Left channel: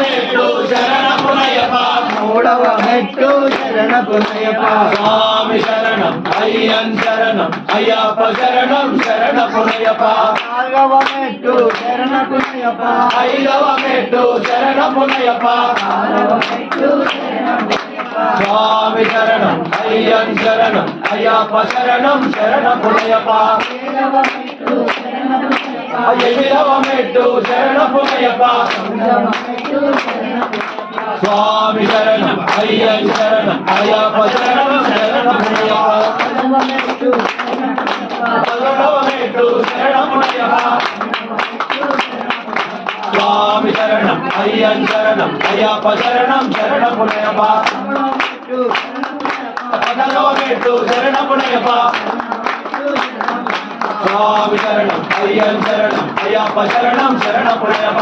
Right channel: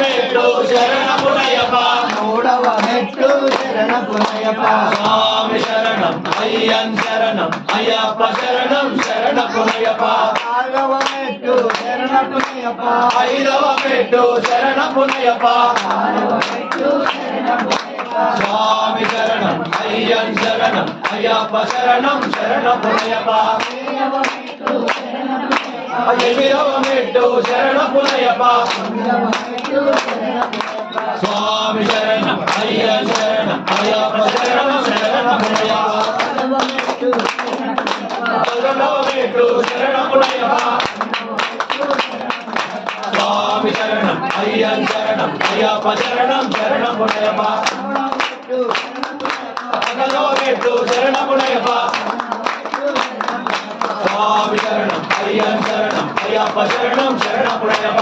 మెట్టు శరణమునయ్యప్ప మూడవ మెట్టు శరణపునయ్యప్ప స్వామి శరణం అయ్యన్ శరణం అయ్యప్ప శరణం శరణపునయ్యప్ప నాలుగవ మెట్టు శరణపునయ్యప్ప ఐదవ మెట్టు శరణపునయ్యప్ప ఆరవ మెట్టు శరణపునయ్యప్ప స్వామి శరణం అయ్యన్ శరణం అయ్యప్ప శరణం శరణపునయ్యప్ప ఏడవ మెట్టు శరణపునయ్యప్ప ఎనిమిదవ మెట్టు శరణపునయ్యప్ప తొమ్మిదవ మెట్టు శరణపునయ్యప్ప స్వామి శరణం అయ్యన్ శరణం అయ్యప్ప శరణం శరణపునయ్యప్ప పదవ మెట్టు శరణపునయ్యప్ప 11వ మెట్టు శరణపునయ్యప్ప స్వామి శరణం అయ్యన్ శరణం అయ్యప్ప శరణం శరణపునయ్యప్ప 11వ మెట్టు శరణపునయ్యప్ప స్వామి శరణం అయ్యన్ శరణం అయ్యప్ప శరణం శరణపునయ్యప్ప